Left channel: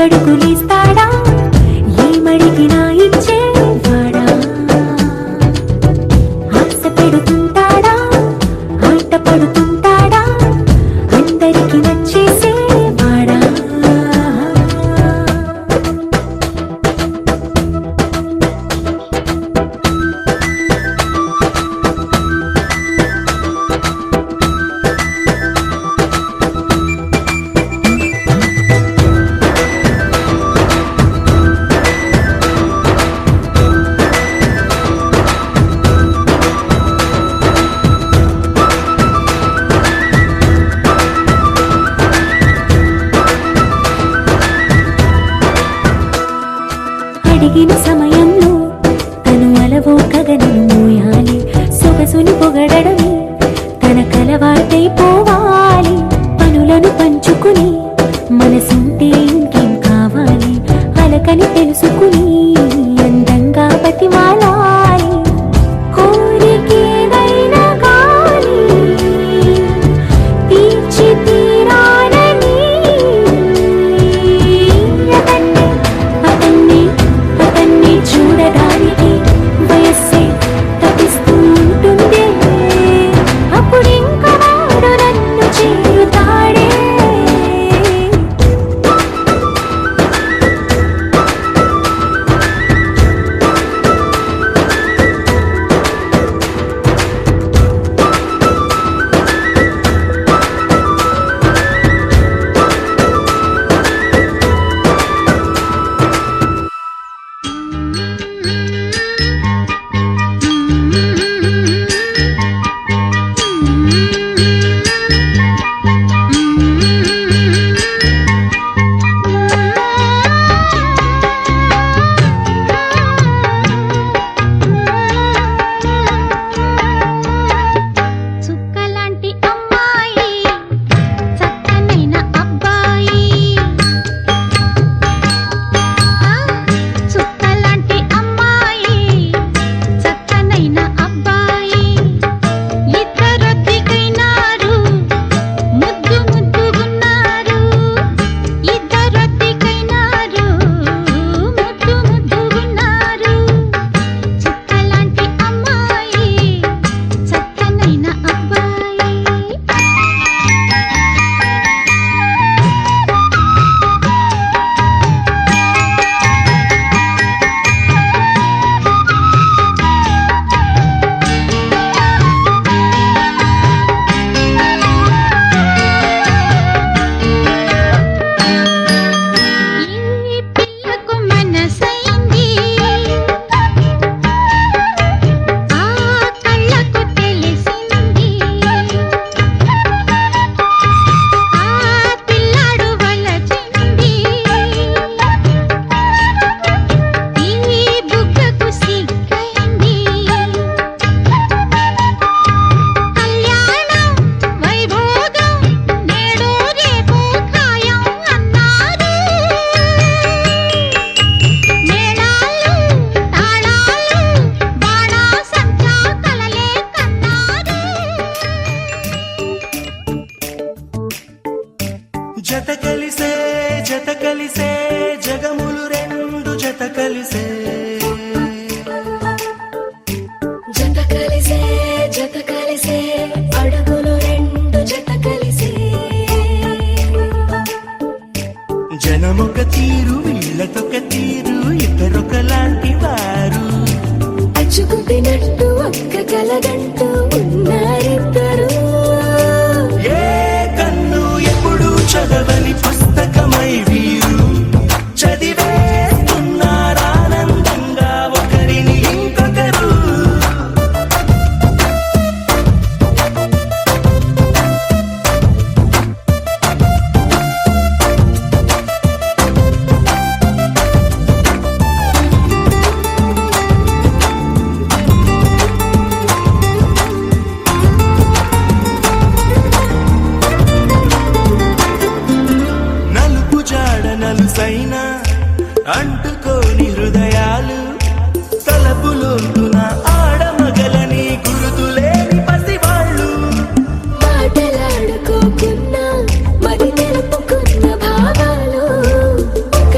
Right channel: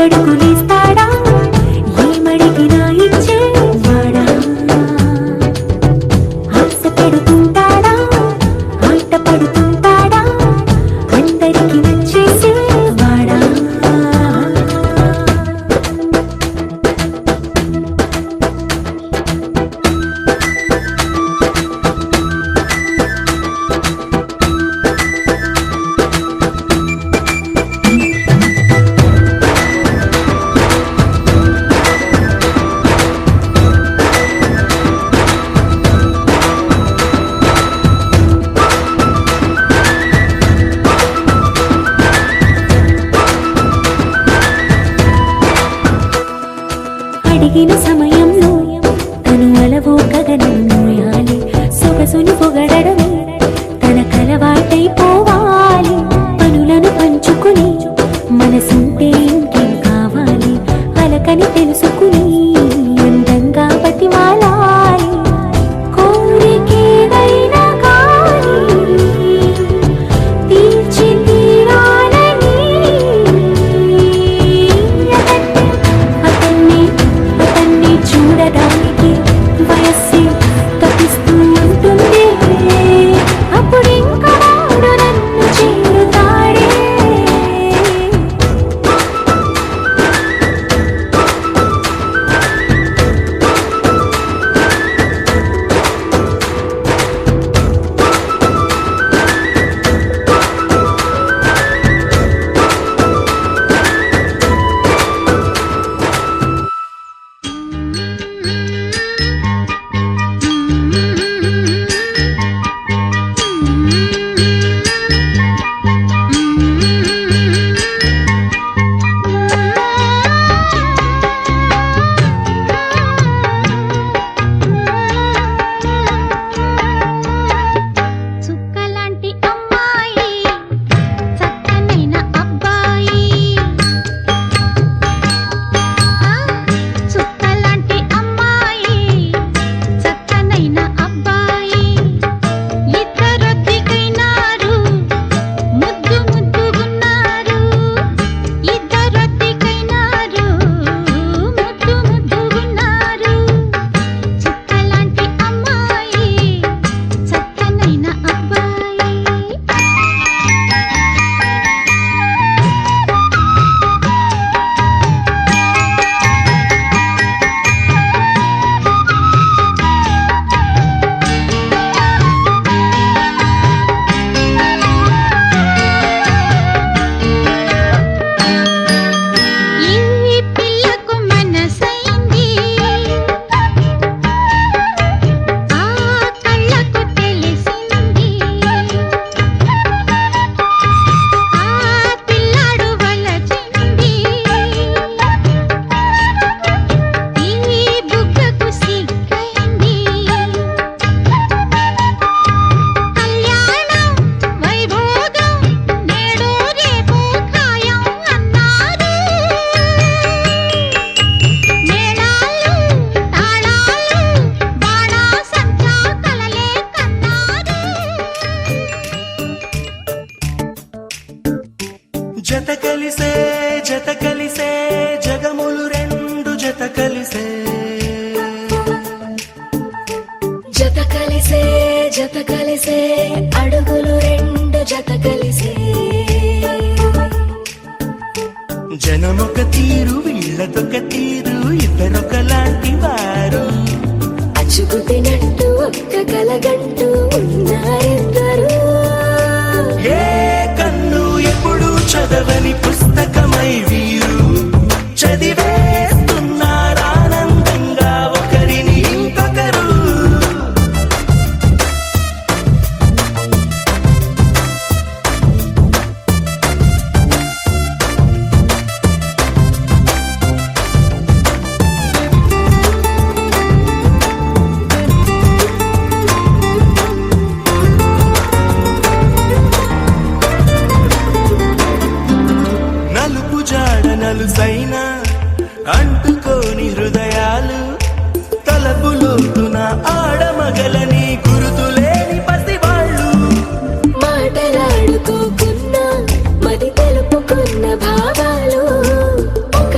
ఐదడుగులేస్తాడా ఏమడిగినా ఇచ్చేవాడా ఆశ పెడుతుంటాడా ఆట పడుతుంటాడా అందరికి నచ్చేసేవాడా అడిగిన సమయంలో తను అలవో గగనను మోయాలి సొగసుని పొగడమే తన కలవాటైపోవాలి పనులను పంచుకుని మనసుంటే ఇంకేం కావాలి అలకని తెలుసుకుని అందంగా బతిమాలాలి కోరికేదైనా గాని తీర్చి తీరాలని అతన్ని చూడడానికి వయస్సే తప్పిస్తూ ఉంటుంది అప్పుడు ఇంకా వాడు నన్ను చేరుతాడే జత కలిసే జగములు రెండు జత కలిసే జత కలిసే అడుగులు రెండు జత కలిసే జనమొక తీరు వీళ్ళదొక తీరు ఇద్దరొకలాంటి వారు అచ్చుకుతినట్టు ఒక్క కలగంటూ ఉన్నారిద్దరు ఏ కన్ను ఎప్పుడు చదవని పుస్తకమై వీరు చదివేస్తున్నారానందంగా ఒకరిని ఇంకొకరు నలుసైన అంటుకోని హృదయాలు తలపులోతున ఆడమగలని గురుతులేని పసివాళ్ళు మాటలాడుకోకున్నా మరి తెలుపుకున్న భావాలు ఒక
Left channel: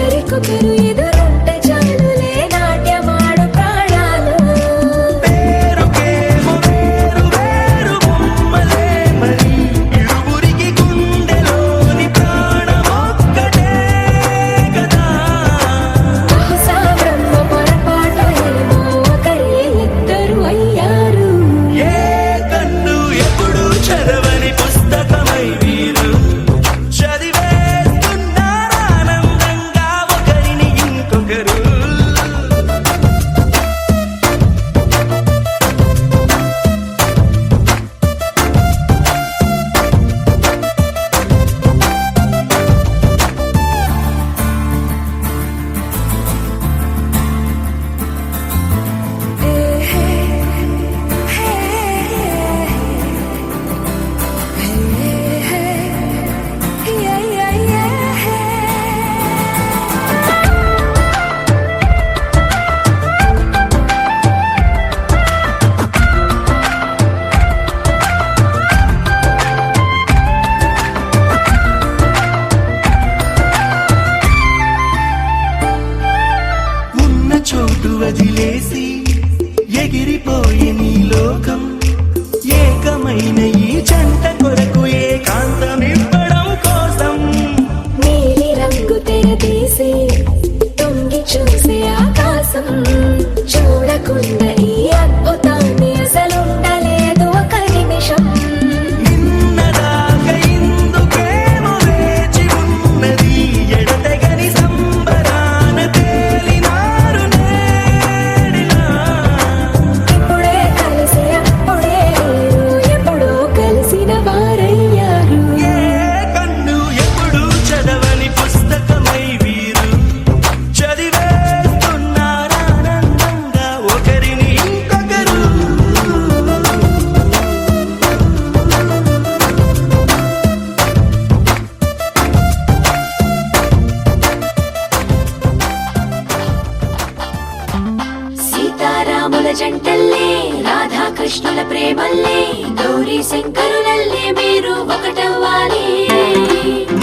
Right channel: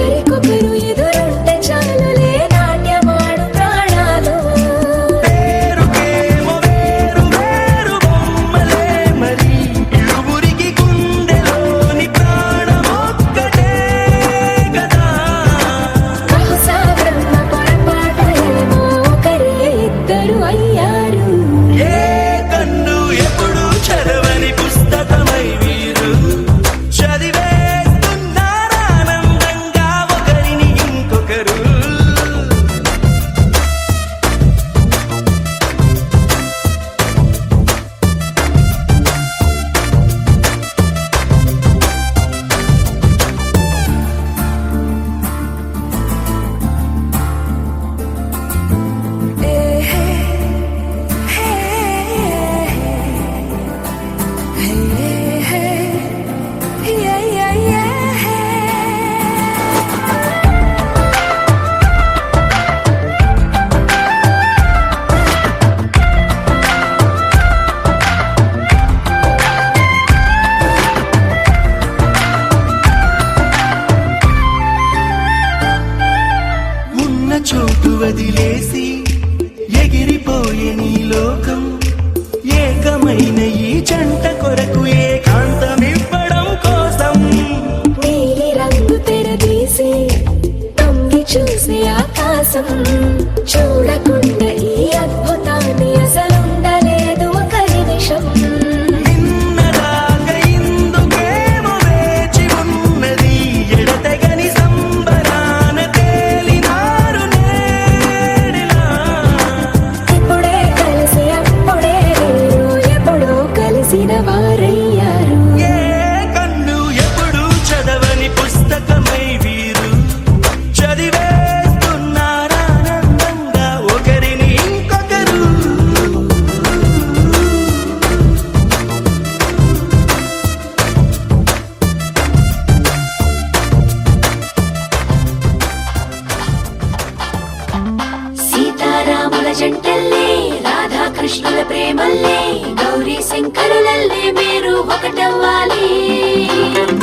శంకరులల్లే మీరు ఒకటవ్వాలి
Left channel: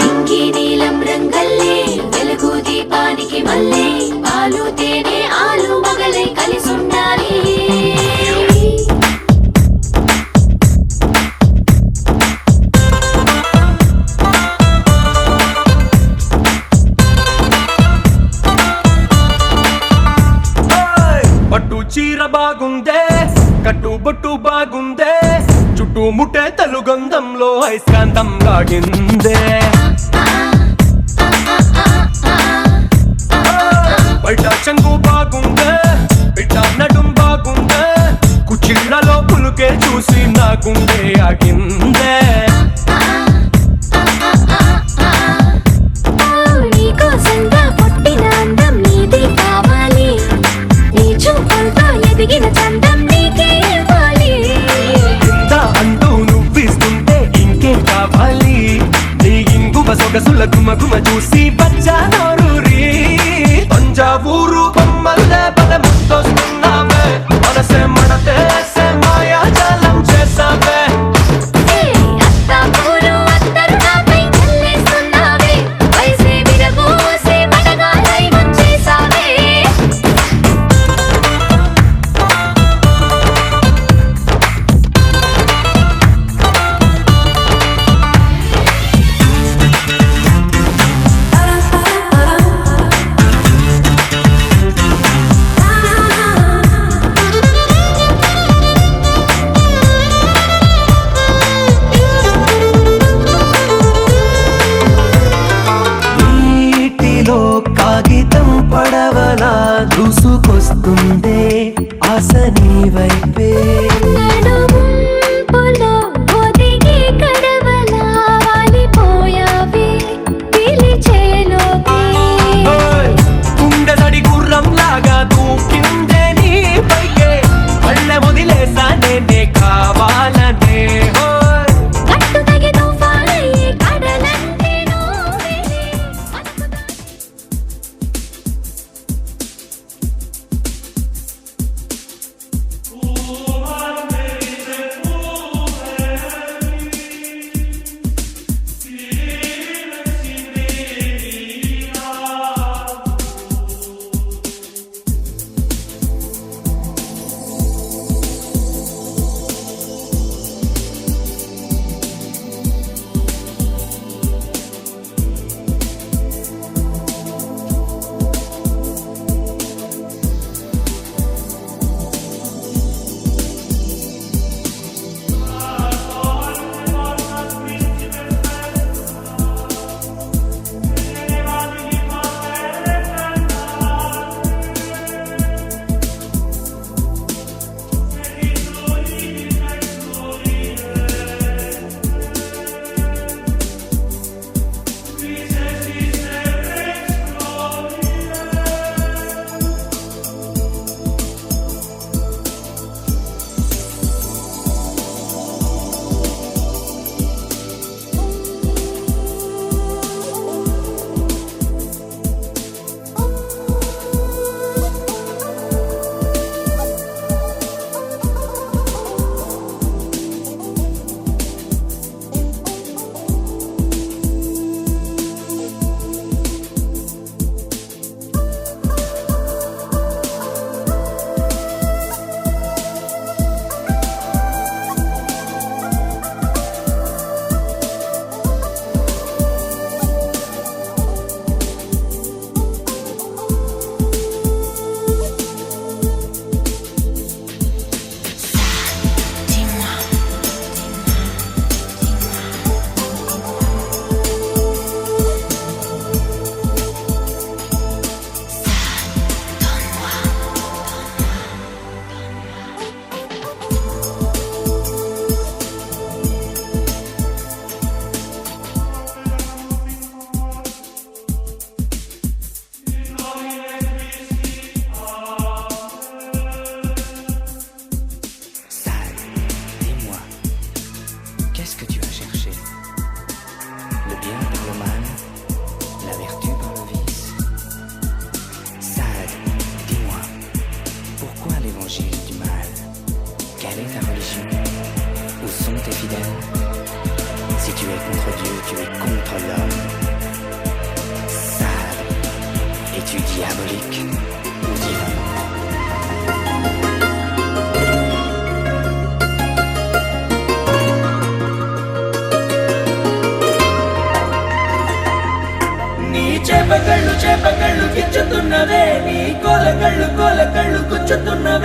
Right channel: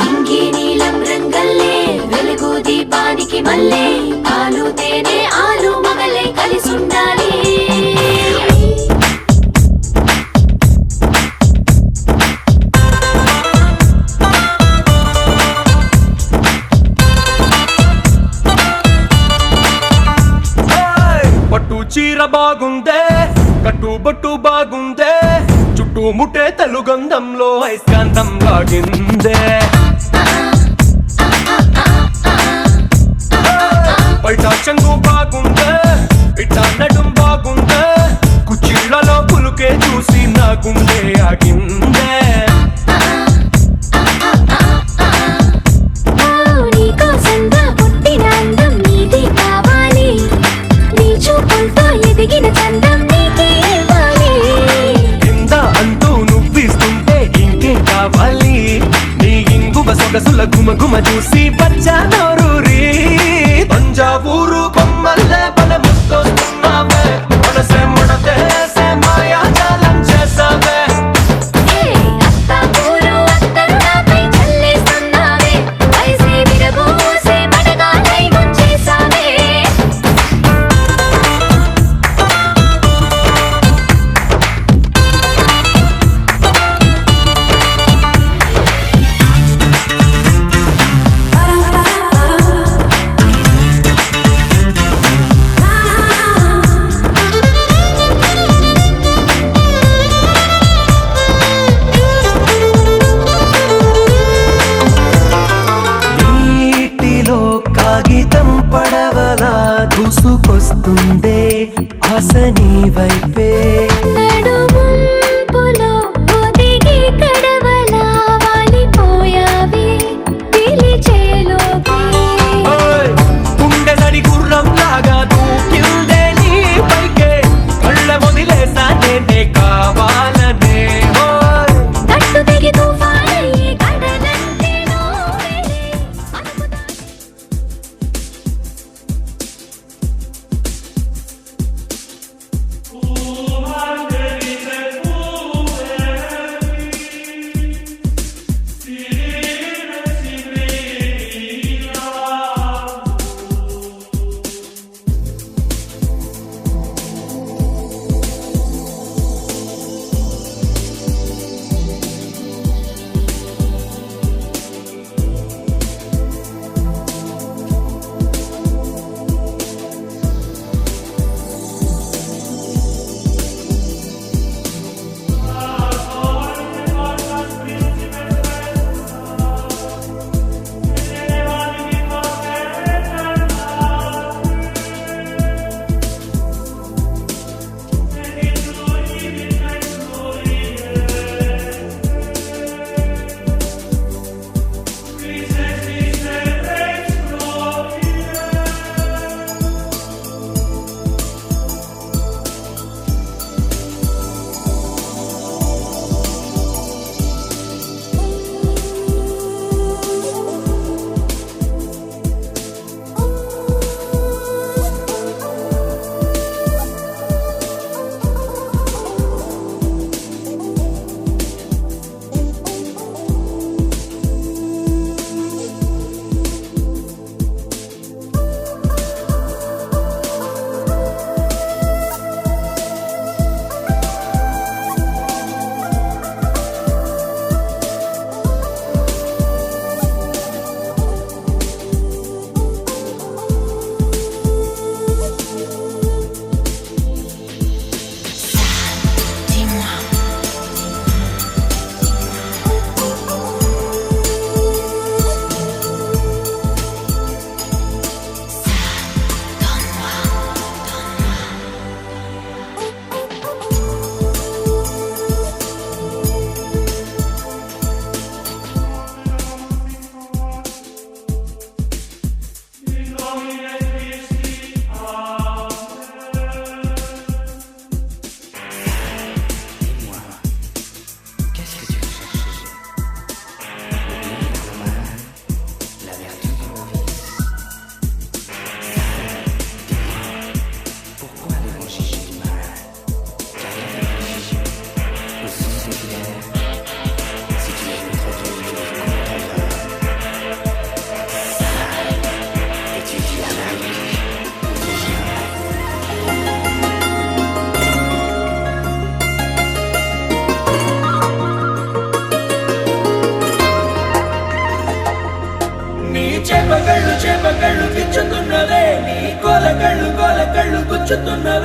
ఇంకి నీలం రంగల్లే వెలుగు దీపానికి మళ్ళీ పాలు తేనె ఆలు మగలై కలిసుండాలి పట్టు చీర బాగుందే కట్టుబొట్టు బాగుందే చుట్టూ ముట్టే తెలుగంధంలో ఐస్కాంతం లాగిందే బయట చెంగు బాగుందే ఇట నడుం బాగుందే కుచ్చిళ్ళలో పులుకే చూసి నా గుండె ఆగిందే నీకోసంగా పుట్టిన అందం నీది కావాలి నీ చూపులతో ఎదిగిన చందం నీకే ఇవ్వాలి కింద అంటూ నువ్విస్తుంటే ఇంకే కావాలి నీ ఇంగువ సొగసుల గుమగుమ చూసి బచ్చానూరి తంజావూరు బొమ్మల్లే పద ముద్దొస్తున్నావే మనసే మడతేసే మాయాజాలం చేసావే అత్తాపూరు అత్తరు నాపై చల్లేస్తున్నావే వయసే విరబోసే మడగాలై ముంచేసావే Si tu es contre Dieu, tu es contre l'homme. Ça, étudie Amérique ou divin. నీ చేప కళ్ళు కిచ్చుతున్నవే నీ కోల కళ్ళు గుచ్చుతున్నవే